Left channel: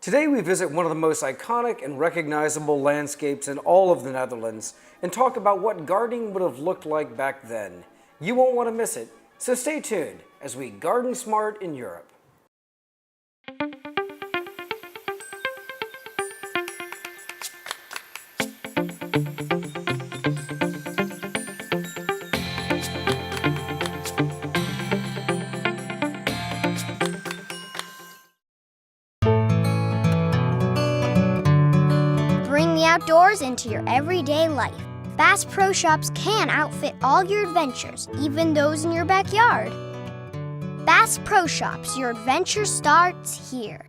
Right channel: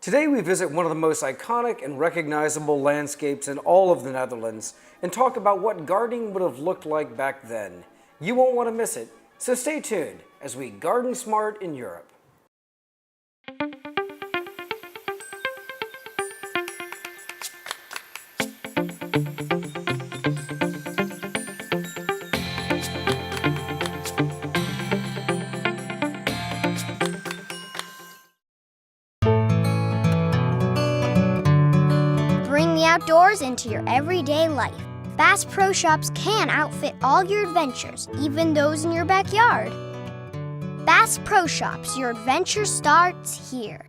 Today we visit one of the most iconic and recognizable landscapes in all of the Netherlands and talk about what gardening would have looked like back then. You won't want to miss it, so stay tuned as we garden smart in Europe. Bring the outdoors into your everyday life. Bass Pro Shops can outfit all your adventures, even those in your backyard. Bass Pro Shops, your adventure starts here.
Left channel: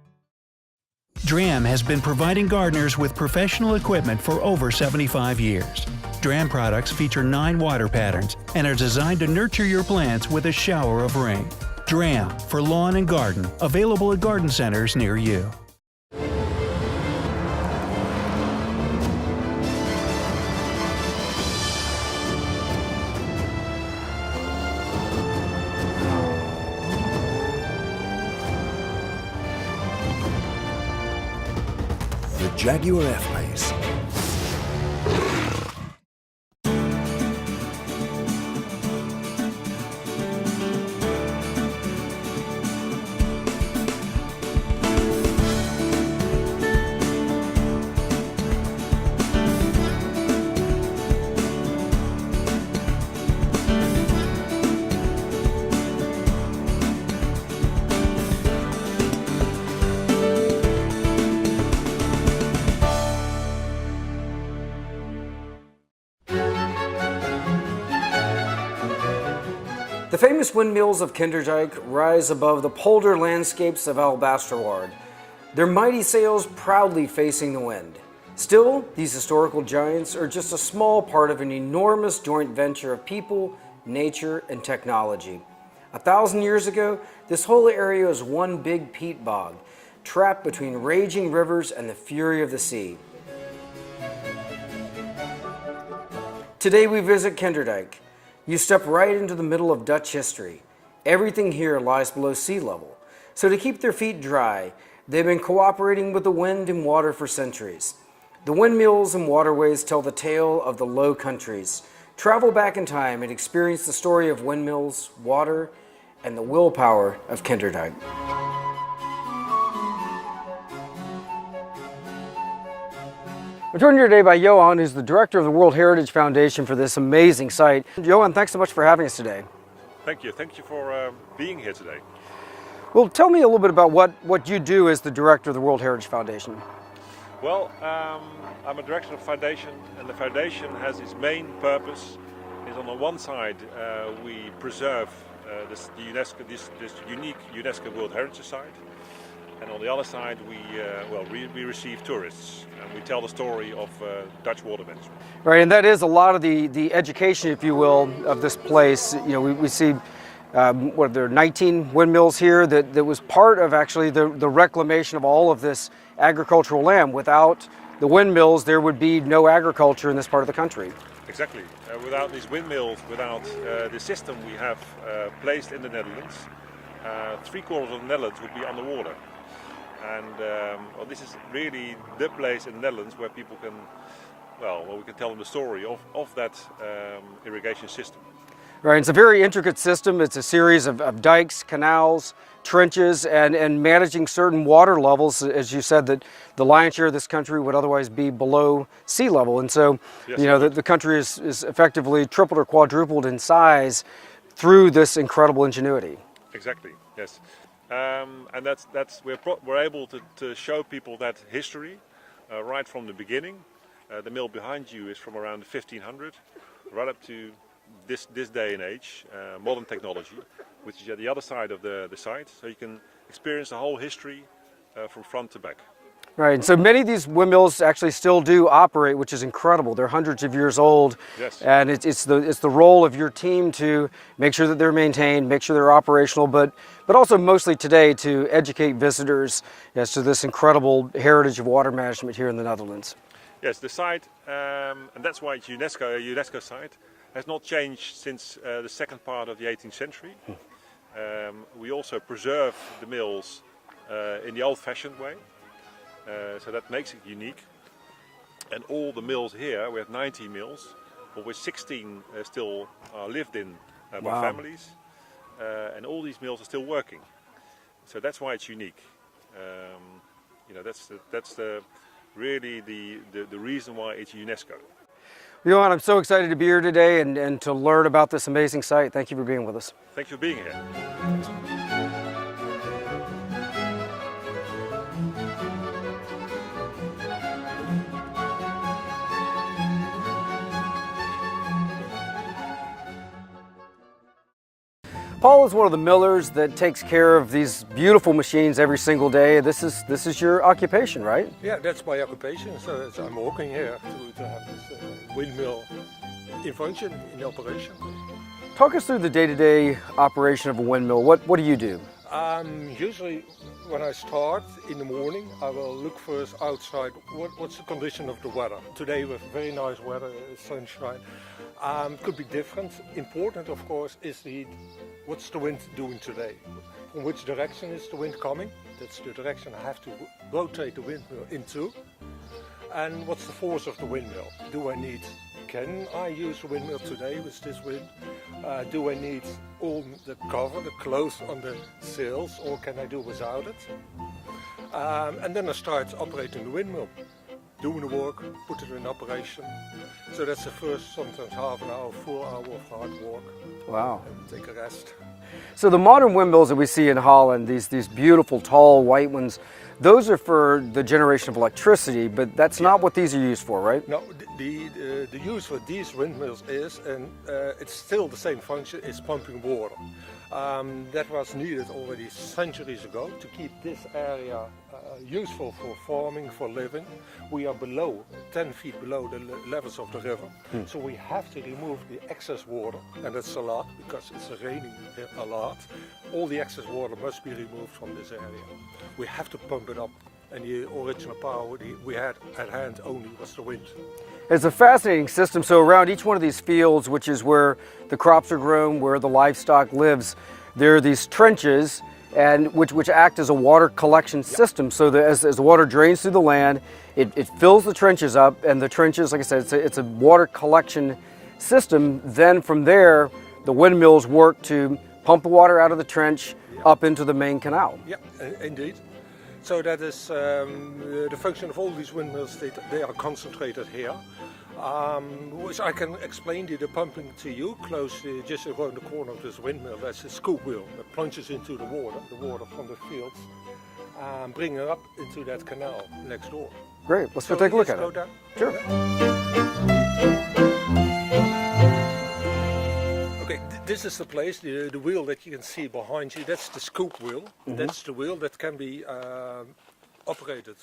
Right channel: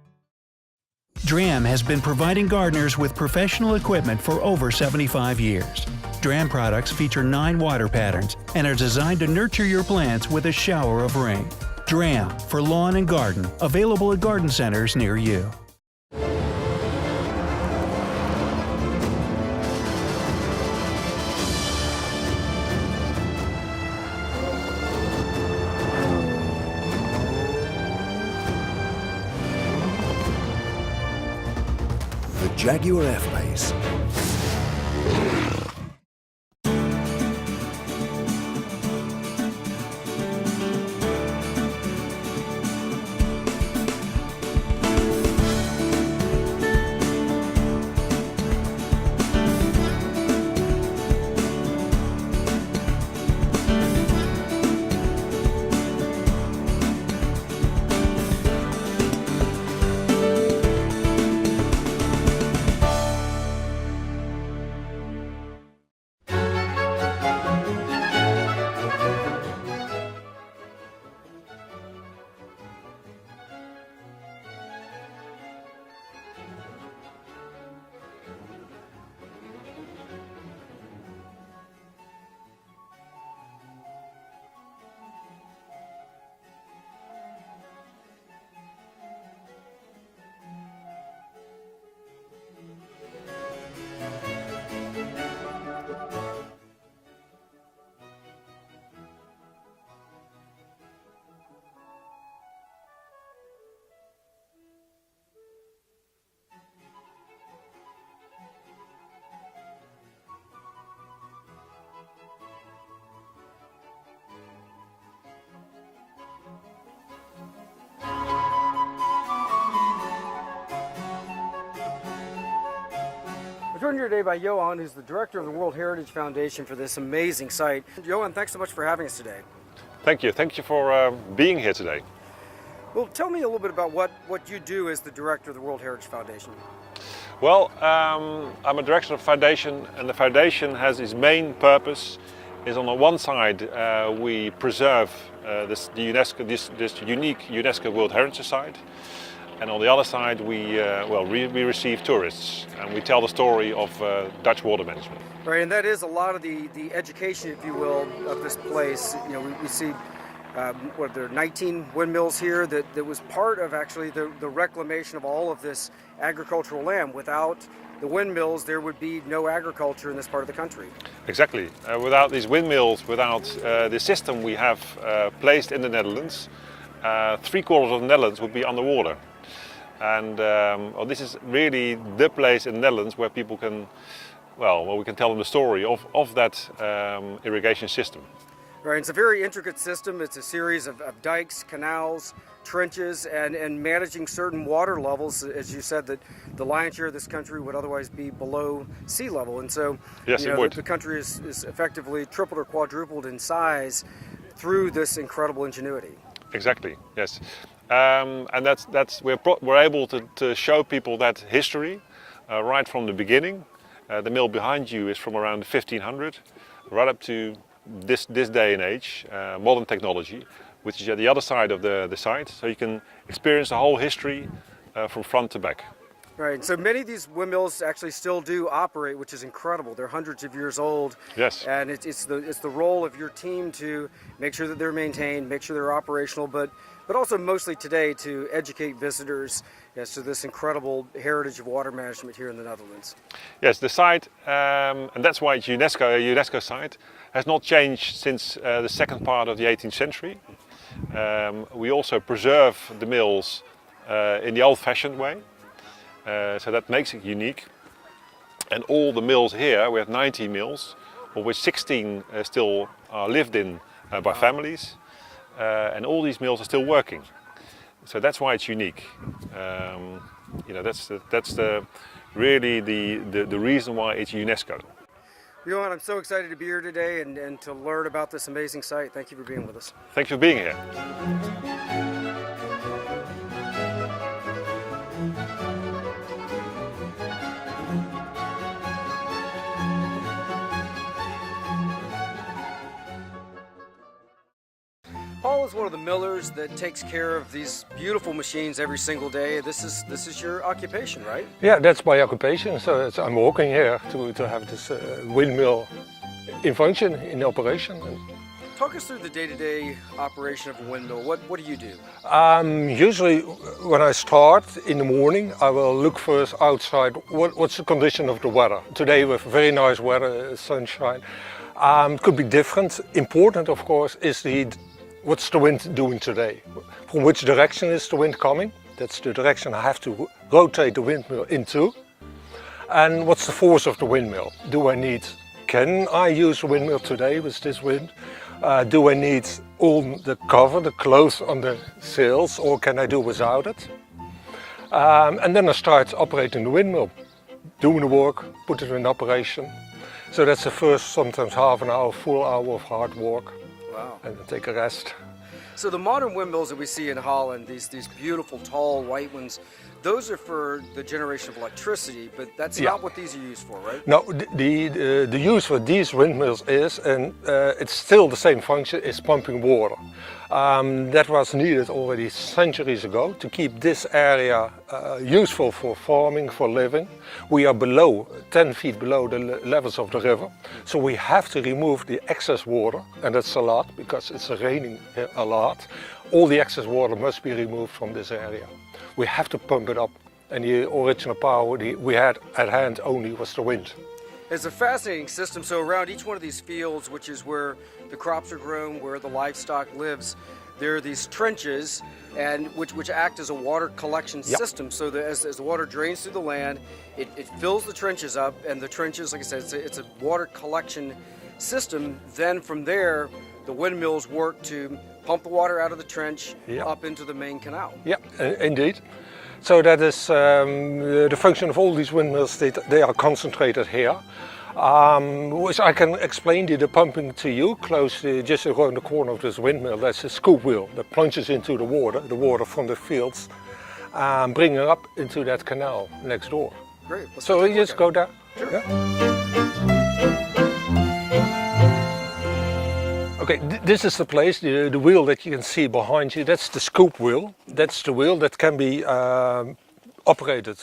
DRAM has been providing gardeners with professional equipment for over 75 years. DRAM products feature 9 water patterns and are designed to nurture your plants with a shower of rain. DRAM for lawn and garden, available at garden centers near you. The Jaguar F-Pace. The famous windmills of Kinderdjik rise above the polder landscapes of Albastrouard, their mighty sails proudly facing the wind. Still, these historical giants are just a small part of an enormous joint venture of people, nature, and technology. 1,000 years ago, this whole area was one big peat bog, trapped between raging rivers and the fury of the sea. Today we visit Kinderdjik. You step right into the middle of Dutch history. Everything here lies below sea level. So to keep their feet dry, they've been cooperating with the wind and water for centuries. The windmills and waterways tell the tale of the Low Countries. Travel back in time and experience the story of windmills, water, and the willpower of Kinderdjik. We're joined here today by Johan, who's the director of the World Heritage Foundation for this amazing site. Johan, thanks so much for having us today. Thank you. Thank you for being here today. Well, tell me a little bit about what you do as the director of the World Heritage Foundation. Well, I'm a director of the foundation, and the foundation has its main purpose is on the one side we preserve this unique UNESCO World Heritage Site. And on the other side, we receive tourists and we tell the story of Dutch water management. Right, and that is a lot of the education, if you will, of this place. You know, we see, there are 19 windmills here that was part of actually the reclamation of all of this agricultural land. Without the windmills, there would be no agriculture in this part of the country. Exactly. Without these windmills, without the system we have placed in the Netherlands, 3/4 of the Netherlands would be underwater. And this is really the place in the Netherlands where people can, we can tell them the story of that irrigation system. Right, it's a very intricate system. It's a series of dikes, canals, trenches, and managing certain water levels. As you said, that the lion's share of this country would otherwise be below sea level. And so, yes, the country is effectively tripled or quadrupled in size through this incredible ingenuity. Exactly, yes. And we're able to show people that history right from the beginning. The mill behind you is from around 1500, right up to this day and age, modern technology, which is at the other side of the site. So you can experience the whole history from front to back. Right, and so many of these windmills actually still do operate, which is incredible. They're hundreds of years old. Yes. And it's the role of your team to make sure that they're maintained, make sure they're operational, but also mostly today to educate visitors as to this incredible heritage of water management here in the Netherlands. Yes, the site, and that's why it's a UNESCO site, has not changed since the second part of the 18th century. We also preserve the mills in the old-fashioned way. So that makes it unique. And all the mills here, we have 19 mills, of which 16 still are lived in by families. And all these mills are still working. So that's why it's unique. You know, that's really the reason why it's UNESCO. Johan, I'm so excited to be here today and to learn about this amazing site. Thank you for being with us. Thanks for being here. Paul is one of the millers that takes care of these beautiful machines every single day. This is your occupation, right? Yeah, that's my occupation. So I'm working here to have this windmill in function, in operation. Talk us through the day-to-day operation of a windmill. What do you do? Usually when I start in the morning, I will look first outside what's the condition of the weather. Today we have very nice weather, sunshine. Could be different. Important, of course, is what's the wind doing today? From which direction is the wind coming? That's the direction I have to rotate the windmill into. And what's the force of the windmill? Can I use the windmill today with this wind? Do I need all the cover, the cloth on the sails, or can I do without it? And then I start operating the windmill, doing the work, put it in operation. So that's the first, sometimes half an hour, full hour of hard work. Wow. And then take a rest. So the modern windmills that we see in Holland, these beautiful, tall, white ones, those are for the generation of electricity, but that's not what these are used for, right? No, the use for these windmills is, and it's still the same function, is pumping water. That was needed already centuries ago to keep this area useful for farming, for living. We are below, 10 feet below the levels of the river, so we have to remove the excess water, and that's a lot because it's raining a lot. All the excess water must be removed from this area. We have to pump it up, and the original power we had at hand only was the wind. It's a fascinating system. So around each one of these fields, which is where the crops are grown, where the livestock lives, there are these trenches, and which act as a water collection system. So that as the water drains through the land, it fills the trenches up, and the trenches, like I said, it's a water collection system. Then from there, the windmills work to pump the water out of the trench up into the main canal. Yeah, indeed. So that is the function of all these windmills. They are concentrated here, which I can explain the pumping to you. Close, just around the corner of this windmill, there's a scoop wheel that plunges into the water from the fields, bringing it up into that canal next door. Great. Let's so take a look just at go it. down. Sure. Yeah. Okay, this is the place, the wheel that you can see behind you. That's the scoop wheel. That's the wheel that can be operated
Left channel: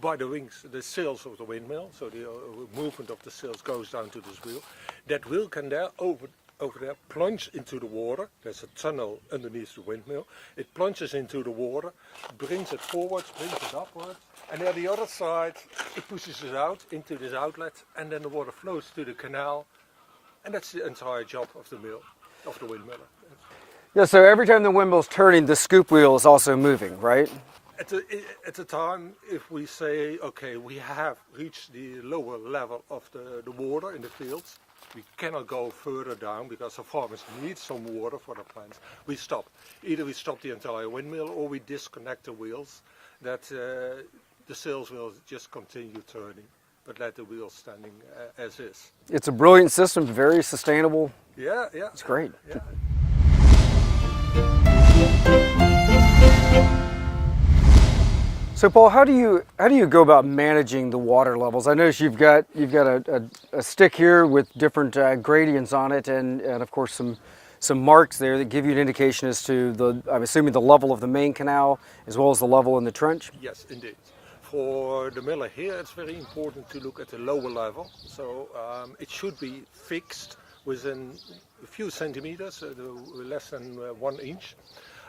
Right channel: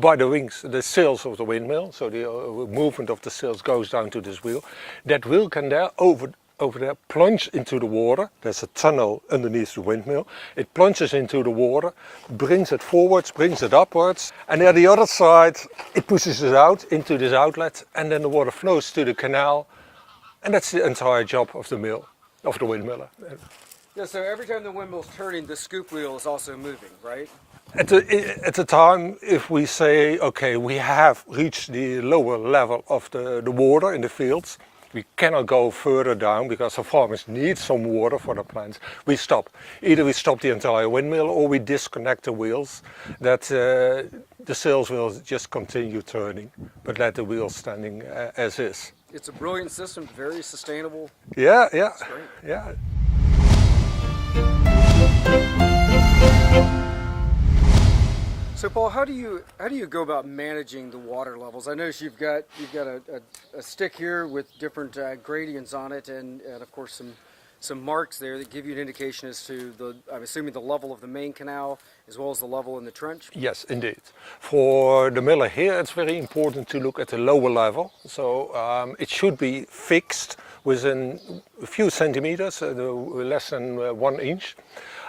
by the wings, the sails of the windmill. So the movement of the sails goes down to this wheel. That wheel can over there plunge into the water. There's a tunnel underneath the windmill. It plunges into the water, brings it forwards, brings it upwards, and at the other side it pushes it out into this outlet, and then the water flows to the canal. And that's the entire job of the mill, of the windmiller. Yeah, so every time the windmill's turning, the scoop wheel is also moving, right? At the time, if we say, okay, we have reached the lower level of the water in the fields, we cannot go further down because the farmers need some water for the plants, we stop. Either we stop the entire windmill or we disconnect the wheels, that the sails will just continue turning, but let the wheels standing as is. It's a brilliant system, very sustainable. Yeah. It's great. Yeah. So Paul, how do you go about managing the water levels? I notice you've got a stick here with different gradients on it, and of course some marks there that give you an indication as to I'm assuming the level of the main canal as well as the level in the trench. Yes, indeed. For the miller here, it's very important to look at the lower level. So it should be fixed within a few centimeters, less than 1 inch.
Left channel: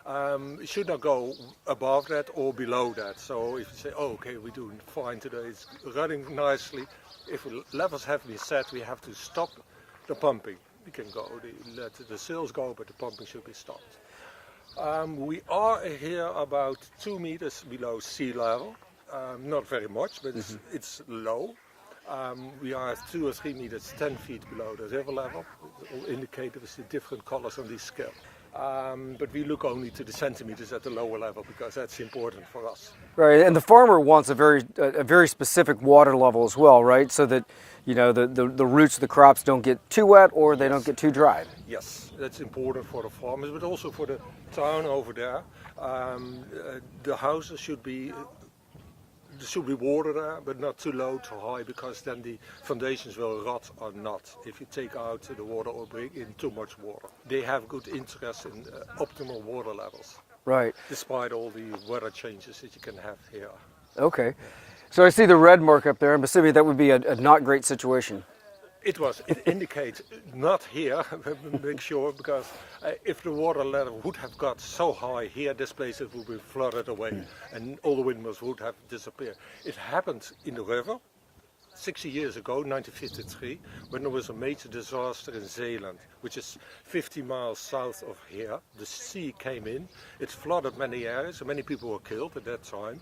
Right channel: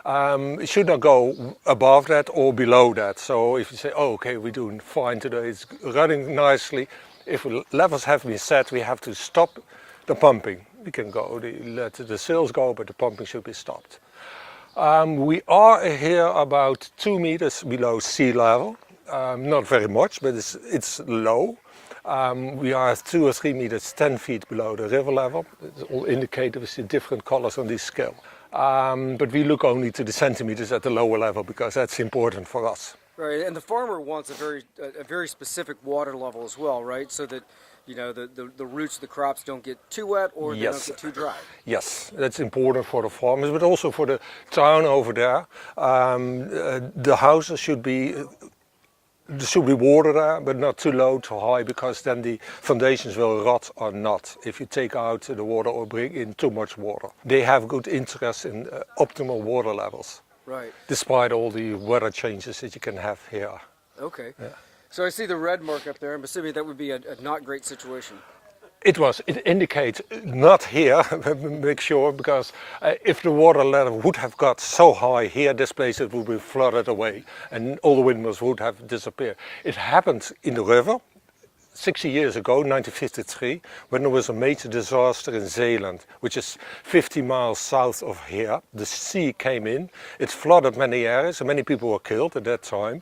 It should not go above that or below that. So if you say, oh, okay, we're doing fine today, it's running nicely. If levels have been set, we have to stop the pumping. We can go, let the sails go, but the pumping should be stopped. We are here about 2 meters below sea level. Not very much, but it's low. We are 2 or 3 meters, 10 feet below the river level. It's all indicated with the different colors on this scale. But we look only to the centimeters at the lower level because that's important for us. Right, and the farmer wants a very specific water level as well, right? So that the roots of the crops don't get too wet or they don't get too dry. Yes, that's important for the farmers, but also for the town over there. The houses should be water there, but not too low, too high, because then the foundations will rot or not if you take out the water or bring in too much water. They have good interest in optimal water levels. Right. Despite all the weather changes that you can have here. Okay. Yeah. So I see the red mark up there. I'm assuming that would be a not great situation. It indicates not here, make sure, because if the water level would have got so high here, this place it would be flooded away and all the windmills would have disappeared. It happened in the river 60 years ago, 1953, when there was a major disaster in Zeeland, which is 50 miles south of here. The sea came in, it flooded many areas and many people were killed at that time.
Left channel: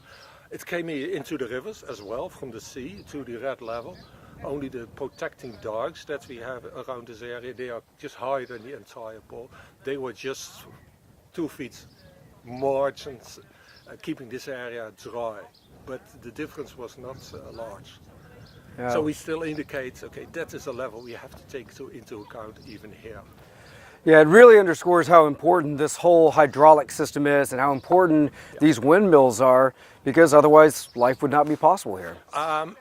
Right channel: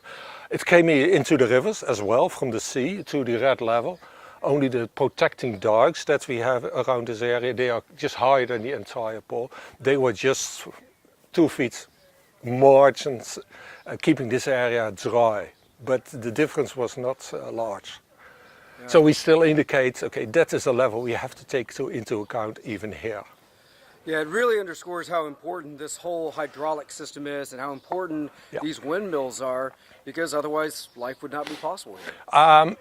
It came into the rivers as well from the sea to the red level. Only the protecting dikes that we have around this area, they are just higher than the entire pole. They were just 2 feet margins, keeping this area dry. But the difference was not large. Yeah. So we still indicate, okay, that is a level we have to take into account even here. Yeah, it really underscores how important this whole hydraulic system is and how important these windmills are, because otherwise life would not be possible here.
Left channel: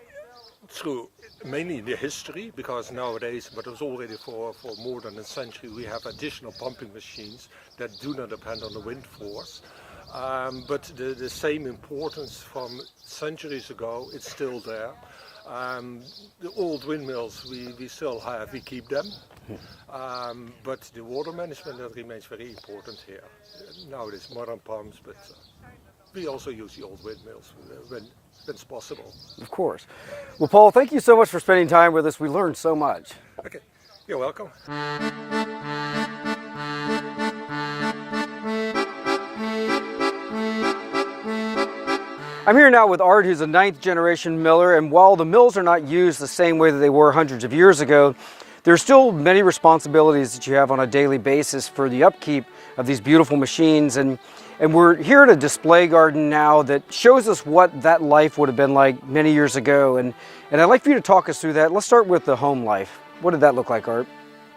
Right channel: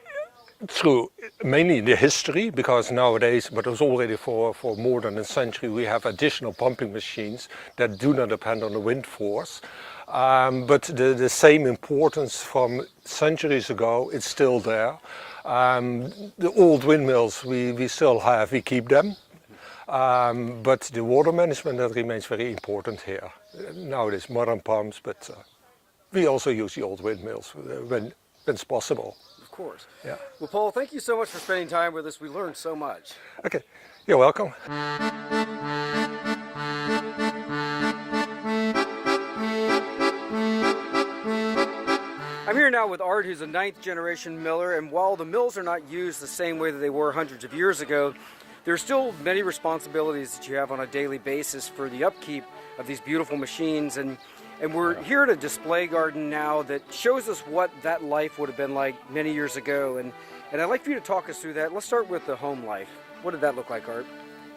True, mainly the history, because nowadays, but it was already for more than a century, we have additional pumping machines that do not depend on the wind force. But the same importance from centuries ago, it's still there. The old windmills we still have, we keep them. But the water management, that remains very important here. Nowadays modern pumps, but we also use the old windmills when it's possible. Of course. Yeah. Well, Paul, thank you so much for spending time with us. We learned so much. Okay, you're welcome. I'm here now with Art, who's a 9th generation miller, and while the mills are not used the same way that they were hundreds of years ago, there are still many responsibilities that you have on a daily basis for the upkeep of these beautiful machines. And we're here at a display garden now that shows us what that life would have been like many years ago. And I'd like for you to talk us through that. Let's start with the home life. What did that look like, Art?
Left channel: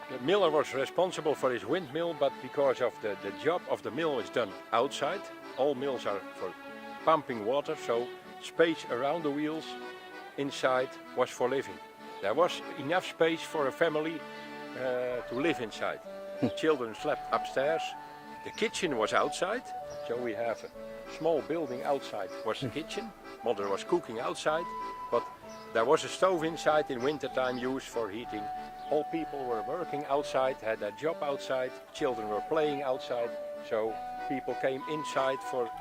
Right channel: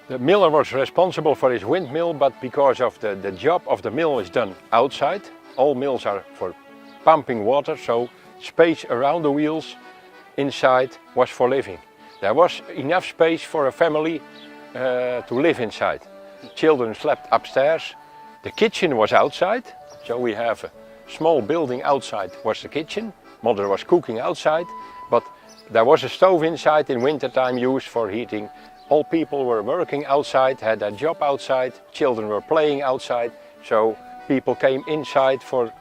The miller was responsible for his windmill, but because of the job of the mill is done outside, all mills are for pumping water, so space around the wheels inside was for living. There was enough space for a family to live inside. The children slept upstairs. The kitchen was outside, so we have a small building outside was the kitchen. Mother was cooking outside, but there was a stove inside in wintertime used for heating. All people were working outside, had their job outside, children were playing outside, so people came inside for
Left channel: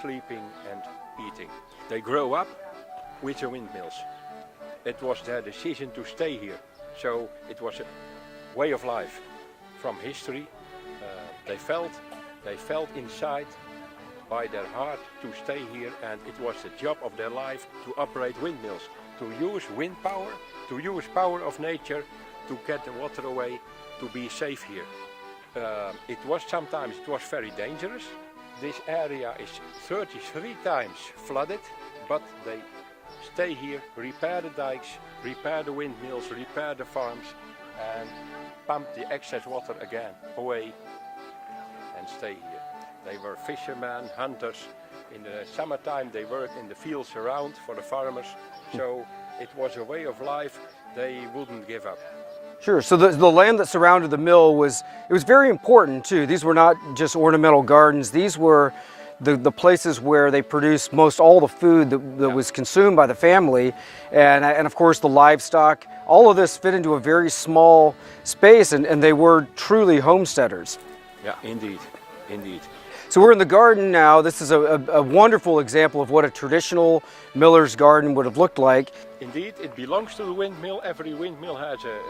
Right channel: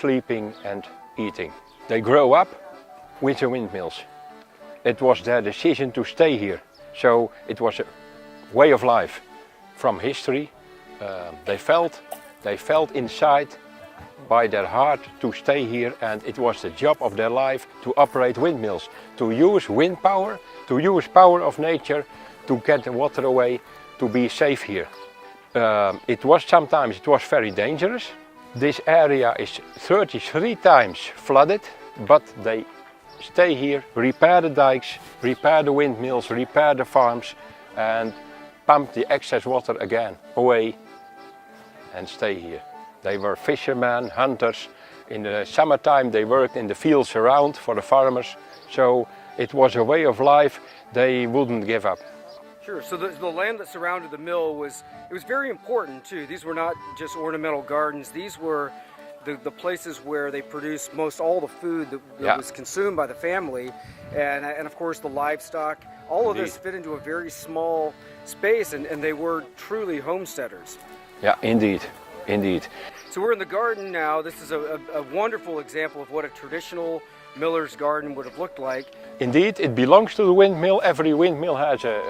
sleeping and eating. They grew up with the windmills. It was their decision to stay here, so it was a way of life. From history, they felt inside by their heart to stay here, and it was the job of their life to operate windmills, to use wind power, to use power of nature, to get the water away, to be safe here. Sometimes it was very dangerous. This area is 33 times flooded, but they stay here, repair the dikes, repair the windmills, repair the farms, and pump the excess water again away and stay here. They were fishermen, hunters. In the summertime they worked in the fields around for the farmers, so it was a way of life they wouldn't give up. Sure, so the land that surrounded the mill was very important too. These were not just ornamental gardens, these were the places where they produced most all the food that was consumed by the family, and of course the livestock. All of this fit into a very small space, and they were truly homesteaders. Yeah, indeed, indeed. So we're in the garden now. This is a wonderful example of what a traditional miller's garden would have looked like. Indeed, it belongs to the windmill. Every windmill has a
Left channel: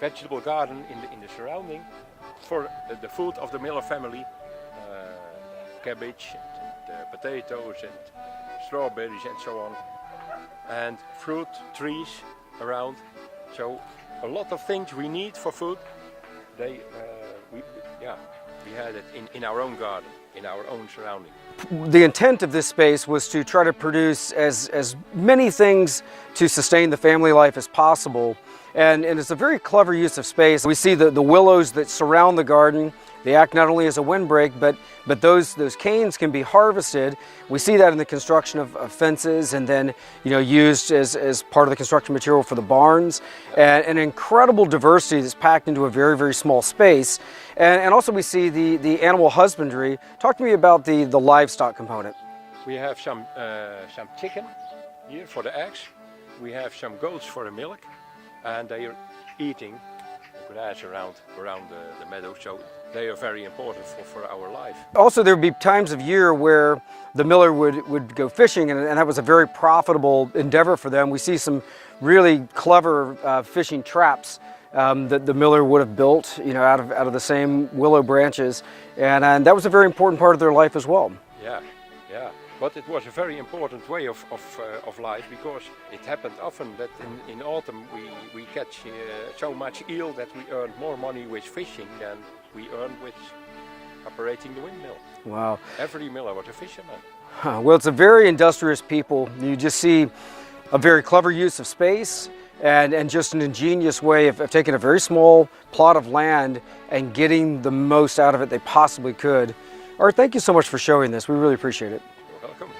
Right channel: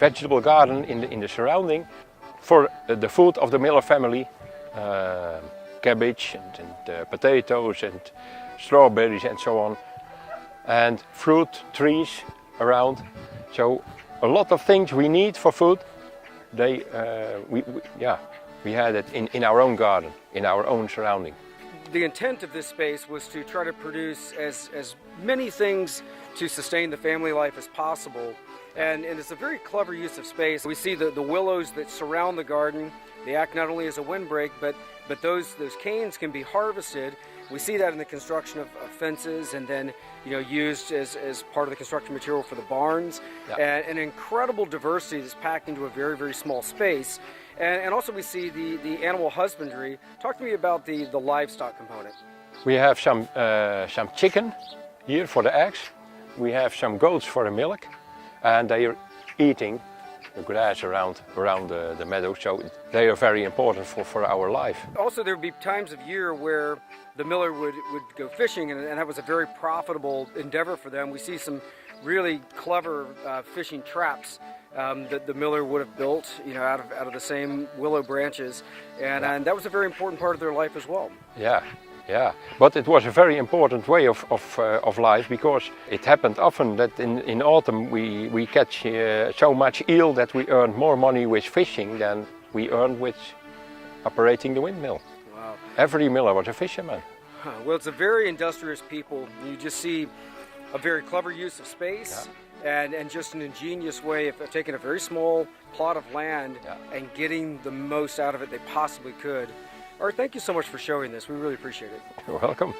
vegetable garden in the surrounding for the food of the miller family. Cabbage and potatoes and strawberries and so on, and fruit trees around. So a lot of things we need for food, we had it in our own garden, in our own surrounding. The intent of this space was to try to produce as many things to sustain the family life as possible. And it's a very clever use of space. We see the willows that surround the garden. They act not only as a windbreak, but those canes can be harvested. We see that in the construction of fences, and then used as part of the construction material for the barns. And an incredible diversity that's packed into a very, very small space. And also we see the animal husbandry. Talk to me about the livestock component. We have some chicken here for the eggs. We have some goats for the milk, and they are eating the grass around the meadow, so they are very important for our life. Also, there would be times of year where the miller would go fishing, and that was a very profitable endeavor for them. We see some really clever fishing traps that the miller would have built, out of the same willow branches, and that was a very important part of their life as well. Yeah, but it was a very important way of life, because it happened often that in autumn we catch so much eel that we earned more money with fishing than we earned with operating the windmill. Wow. Every miller was a fisherman. Huh. Well, it's a very industrious people. You just see a very clever use of space, and just an ingenious way of taking a very small plot of land and getting the most out of it they possibly could. Art, thank you so much for showing this. We really appreciate it. You're welcome.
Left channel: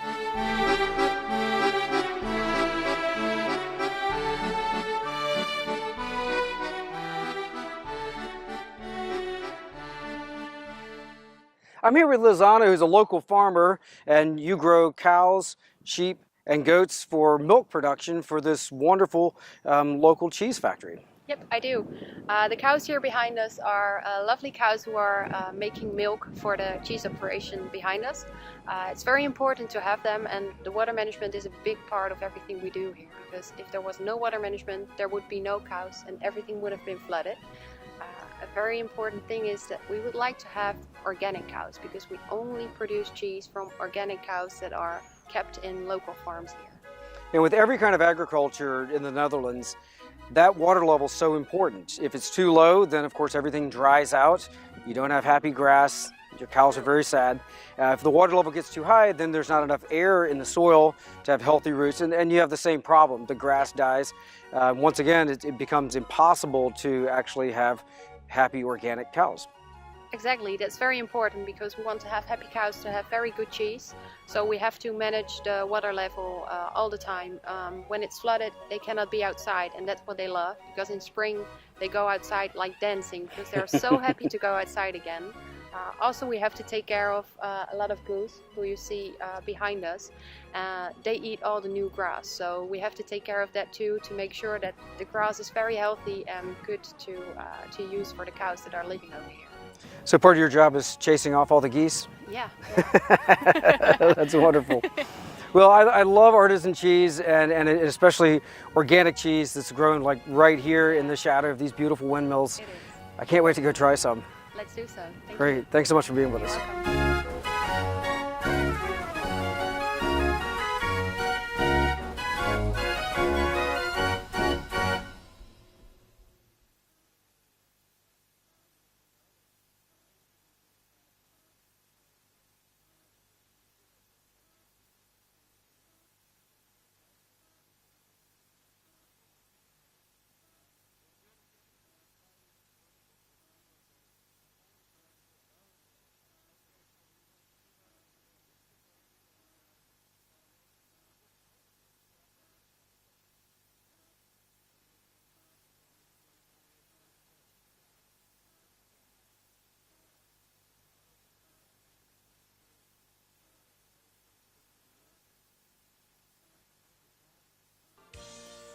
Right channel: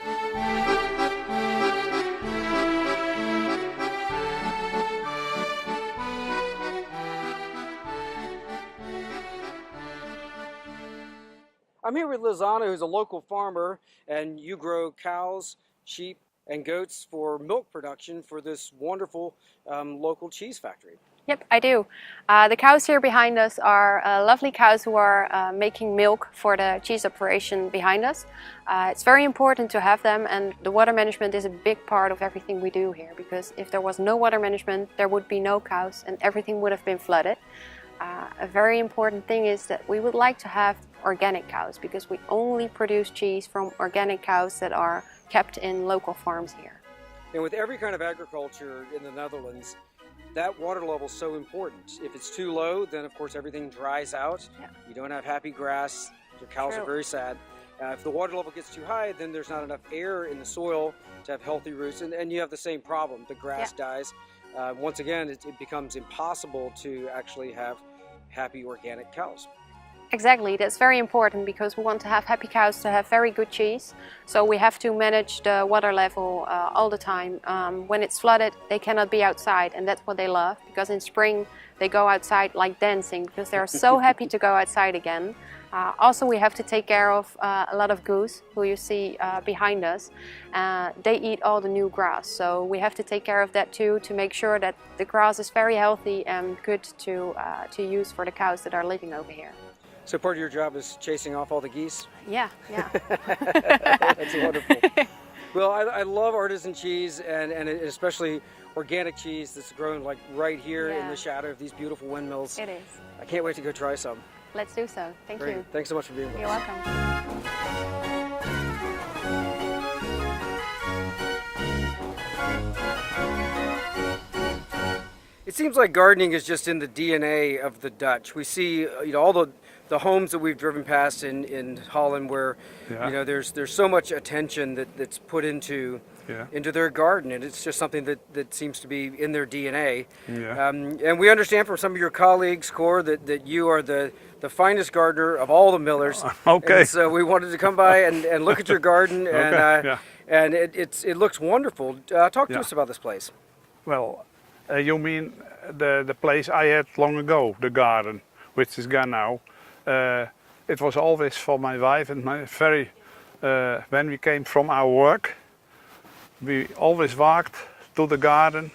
I'm here with Lizana, who's a local farmer, and you grow cows, sheep, and goats for milk production for this wonderful local cheese factory. Yep, I do. The cows here behind us are lovely cows who are making milk for the cheese operation behind us. It's very important to have them, and the water management is a big part of everything we do here, because if there was no water management, there would be no cows and everything would have been flooded. A very important thing is that we would like to have organic cows, because we only produce cheese from organic cows that are kept in local farms here. And with every kind of agriculture in the Netherlands, that water level is so important. If it's too low, then of course everything dries out. You don't have happy grass. Your cows are very sad. If the water level gets too high, then there's not enough air in the soil to have healthy roots, and you have the same problem. The grass dies. Once again, it becomes impossible to actually have happy organic cows. Exactly, that's very important, because we want to have happy cows to have very good cheese. So we have to manage the water level all the time. When it's flooded, they cannot be outside, and that's what they love, because in spring they go outside like dancing, because they're so happy to go outside again. Also, we have to take care of a lot of goose, who you see behind us. They eat all the new grass, so we have to take care of that too, to make sure that the grass is very healthy and good to use for the cows that are living over here. So part of your job is chasing off all the geese? Yeah. That's wonderful. Well, I love artisan cheese, and especially organic cheese that's grown like right here in the shadow of these beautiful windmills. It is. I can't wait to go try some. Let's do so. Thank Great. you. Thanks so much for being with You're us. welcome. It seems like gardening is just in the DNA of the Dutch. We see, all the homes that we've driven past in Holland, where there's so much attention that's put into their garden, and it's just something that seems to be in their DNA. And we understand from some of your colleagues, Cor, that you are the finest gardener of all the millers. Okay. And so we wanted to come by and look at your garden, and it looks wonderful. Talk to us about this place. Well, you mean the place I had long ago, the garden, which is gone now. It was always for my wife and my when we came from our work, we always walked to the garden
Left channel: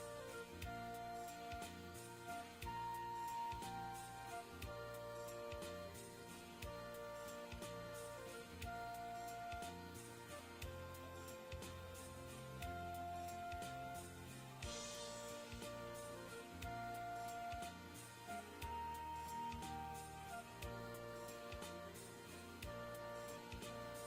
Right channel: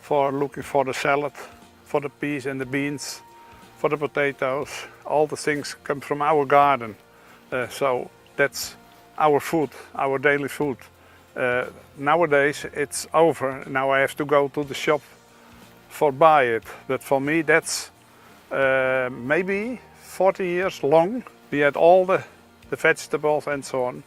for looking for the salad, for the peas and the beans, for the potatoes. All the things come from our garden. So that's our food, our daily food. Nowadays it's over. Now I have to go to the shop for buy it. But for me that's maybe 40 years long. We had all the vegetables and so on.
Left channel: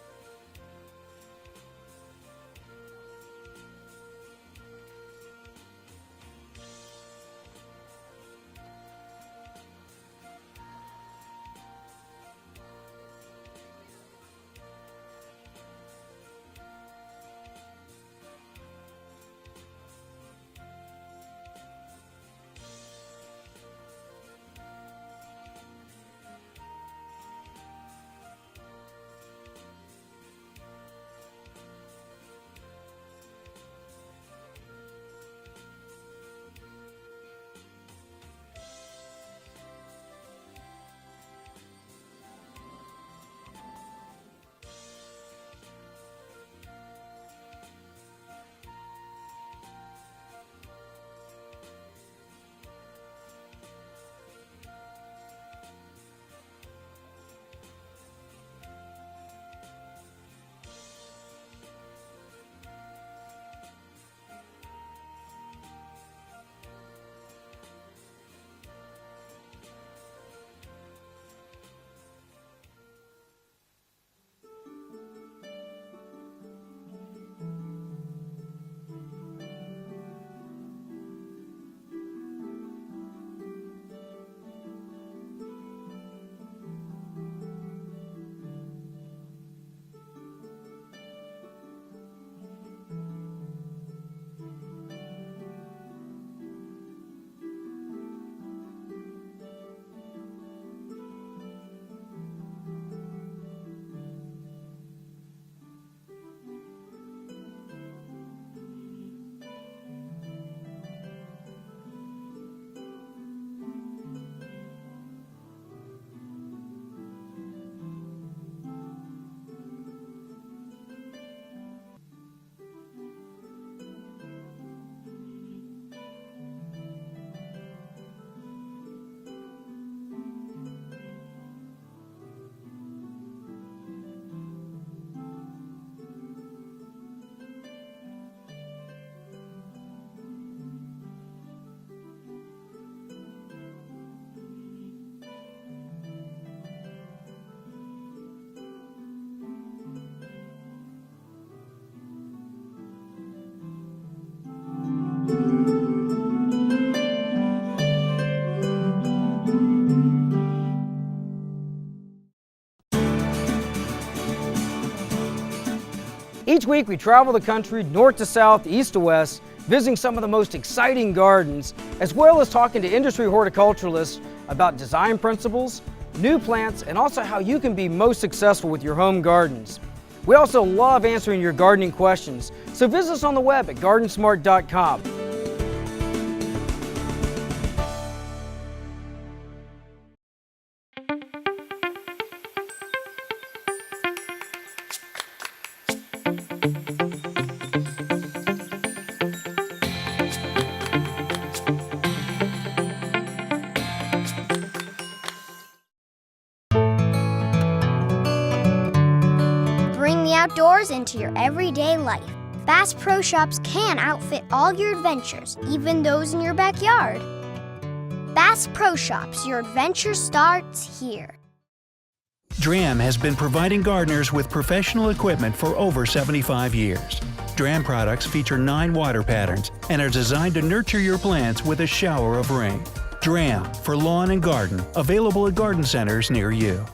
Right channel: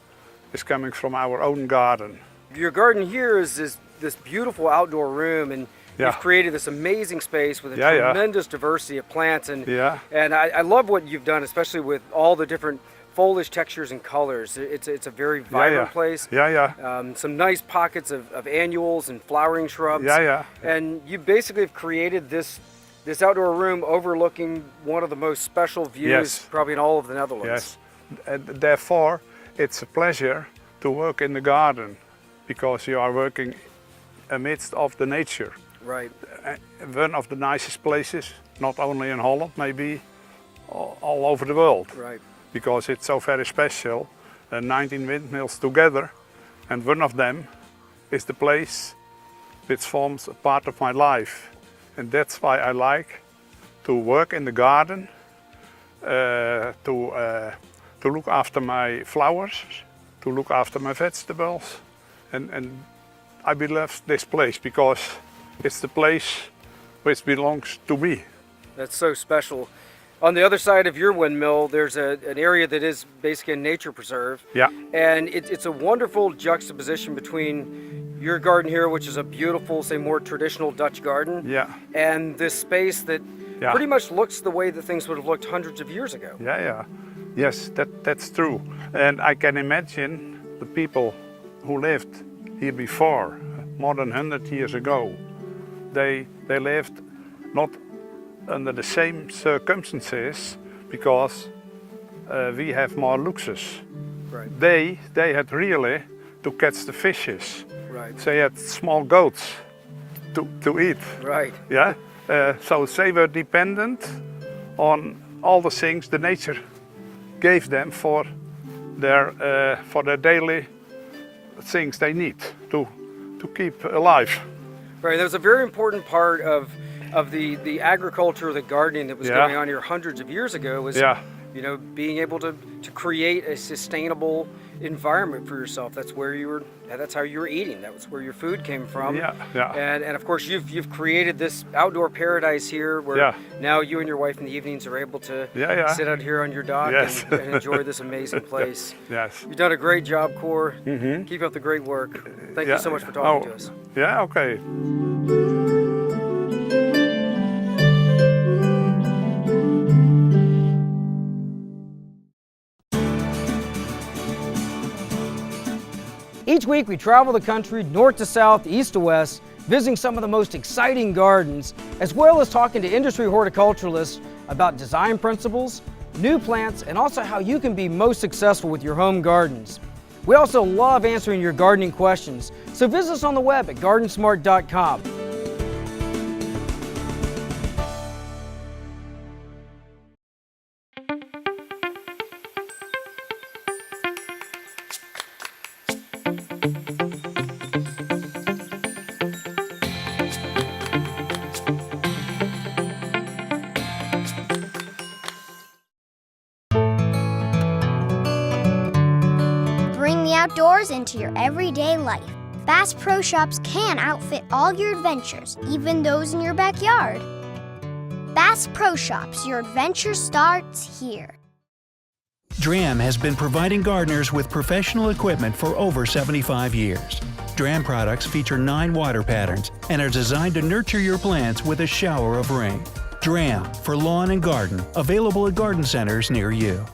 is coming from our own garden. Your garden here is this beautiful outdoor room, and you've created this amazing space with a tremendous diversity of plants. And I love what you've done, especially with all the different foliage textures and colors. It's a very vibrant place. Some nice pockets of annuals and flowering shrubs. And you basically have created this outdoor room overlooking one of the most special views probably in all of the Netherlands. And therefore, it's a pleasure to work in the garden because you are working amidst of the nature. Right. One of the nicest places, not only in Holland, maybe all over the world. Right. Because it's so very special. 19 windmills together, and one of them is the place which forms a part of my life. And that's why I like to work in the garden, to look after my flowers, to look after my vegetables. And I love this place because it's the place which belongs to me. That's so special. On the other side of your windmill, there's an area that is basically a nature preserve. Yeah. And it's a wonderful juxtaposition between your garden here, which is a beautiful, say, more traditional Dutch garden, and this space that pretty much looks the way that things would have looked hundreds of years ago. Yes, that's true. And I can imagine the people who lived here before, more than 100 years ago. They lived not under the same circumstances because we have more luxus. Right. They had really to catch the fishes. Right. They had small goats to eat. Right. Yeah. So they were dependent on all the things the nature gave them for their daily things they need to keep alive. Right. That was a very important part of the agriculture, the gardening that was going on here hundreds of years ago was, you know, being able to create a sustainable environment for yourself. That's where that's how you were eating. That was where your food came from. And of course you've created this outdoor paradise here where now you and your wife in the evenings are able to sit out here on your dock and enjoy this amazing place. You've done a great job, Cor. Keep up the great work. Thank you so much for talking to us. Yeah, okay. Each week we travel the country north to south, east to west, visiting some of the most exciting gardens, as well as talking to industry horticulturalists about design principles, new plants, and also how you can be most successful with your home gardens. We also love answering your gardening questions, so visit us on the web at GardenSMART.com. Bring the outdoors into your everyday life. Bass Pro Shops can outfit all your adventures, even those in your backyard. Bass Pro Shops, your adventure starts here. DRAM has been providing gardeners with professional equipment for over 75 years. DRAM products feature 9 water patterns and are designed to nurture your plants with a shower of rain. DRAM for lawn and garden, available at garden centers near you.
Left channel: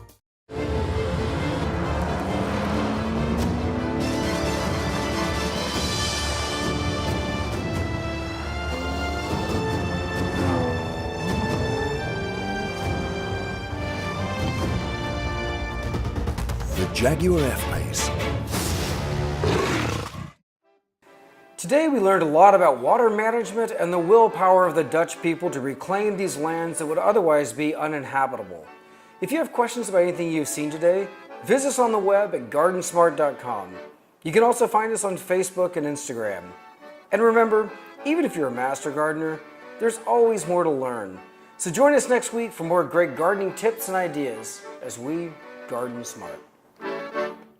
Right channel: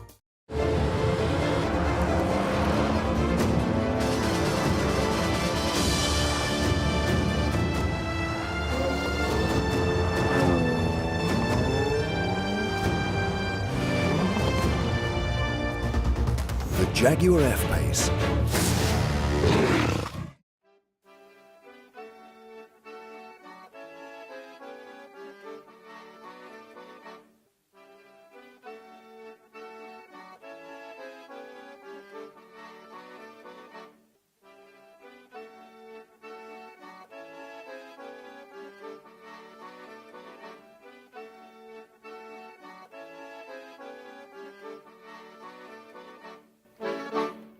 The Jaguar F-Pace. Today we learned a lot about water management and the willpower of the Dutch people to reclaim these lands that would otherwise be uninhabitable. If you have questions about anything you've seen today, visit us on the web at GardenSMART.com. You can also find us on Facebook and Instagram. And remember, even if you're a master gardener, there's always more to learn. So join us next week for more great gardening tips and ideas as we garden smart.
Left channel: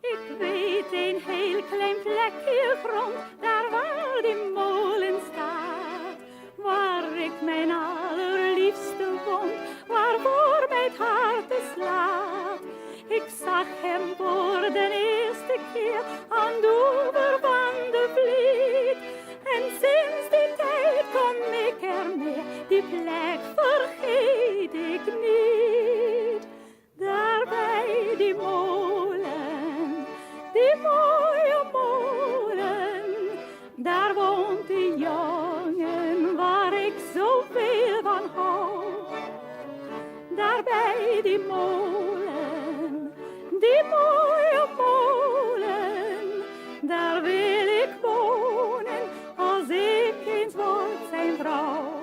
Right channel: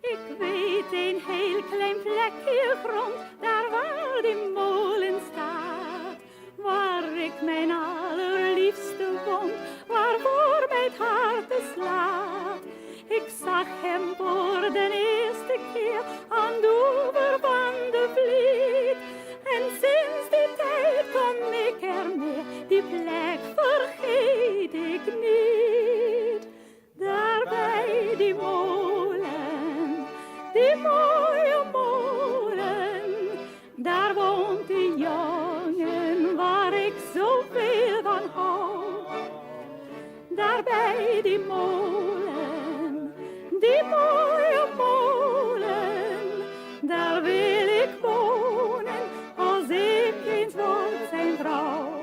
Ik weet een heel klein plekje grond, daar waar die molen staat. Waar ik mijn allerliefste vond, waarvoor mijn hart slaat. Ik zag hem voor de eerste keer. keer aan de oever van de Vliet. En sinds die tijd kom ik er meer, die plek vergeet ik niet. Daar bij die molen, die mooie molen, daar woont de jongen waar ik zoveel van hou. Daar bij die molen, die mooie molen, daar wil ik wonen als ik eens word zijn vrouw.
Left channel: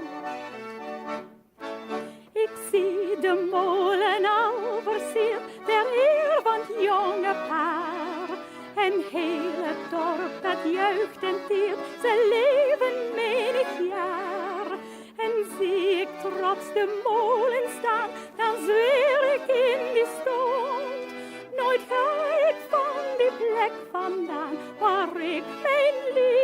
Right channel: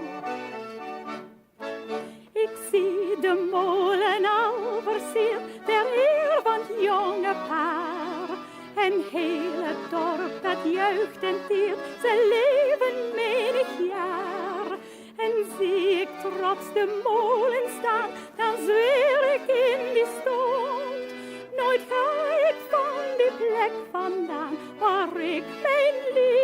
Ik zie de molen al versierd ter eer van het jonge paar. En heel het dorp dat juicht en tiert, ze leven menig jaar. En zie ik trots de molen staan, dan zweer ik in die stond. Nooit ga ik van die plek vandaan, waar ik mijn liefde